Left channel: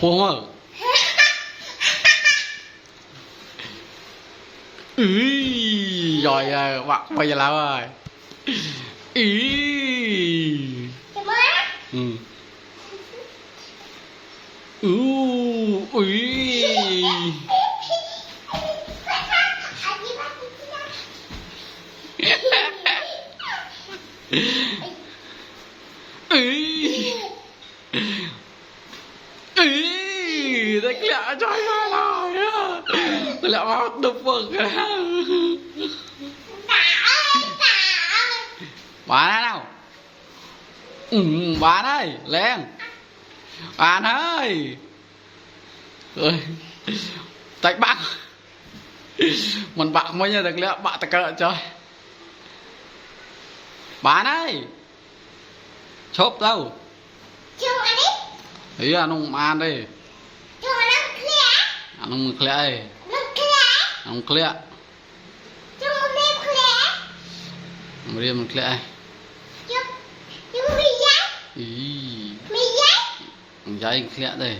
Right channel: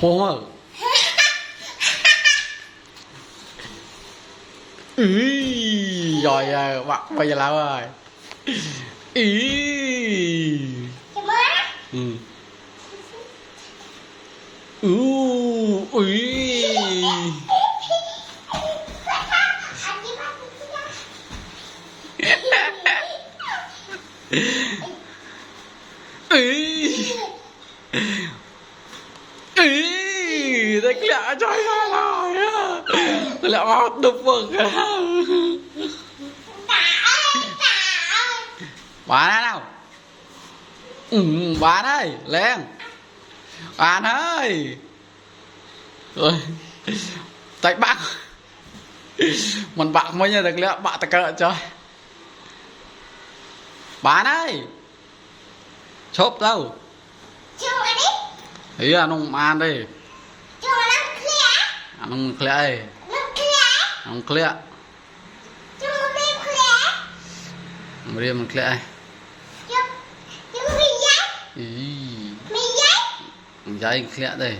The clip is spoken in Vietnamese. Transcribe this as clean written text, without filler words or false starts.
Phô mơ. Rồi bạn bây giờ làm rồi. Thế lẹ trời ơi rồi. Lẹ vào đục vực. Bạn ơi nào. Bạn ơi, lên. Bạn ơi. Rồi. Tại bạn. Mình bạn mới nhớ được lẽ bạn ta cỡ trời. Bạn ơi. Chốp đâu. Ý là nông ăn đi. Nông khỏe. Nông khỏe. Mày mình khỏe. Ý. Giấy khỏe đây.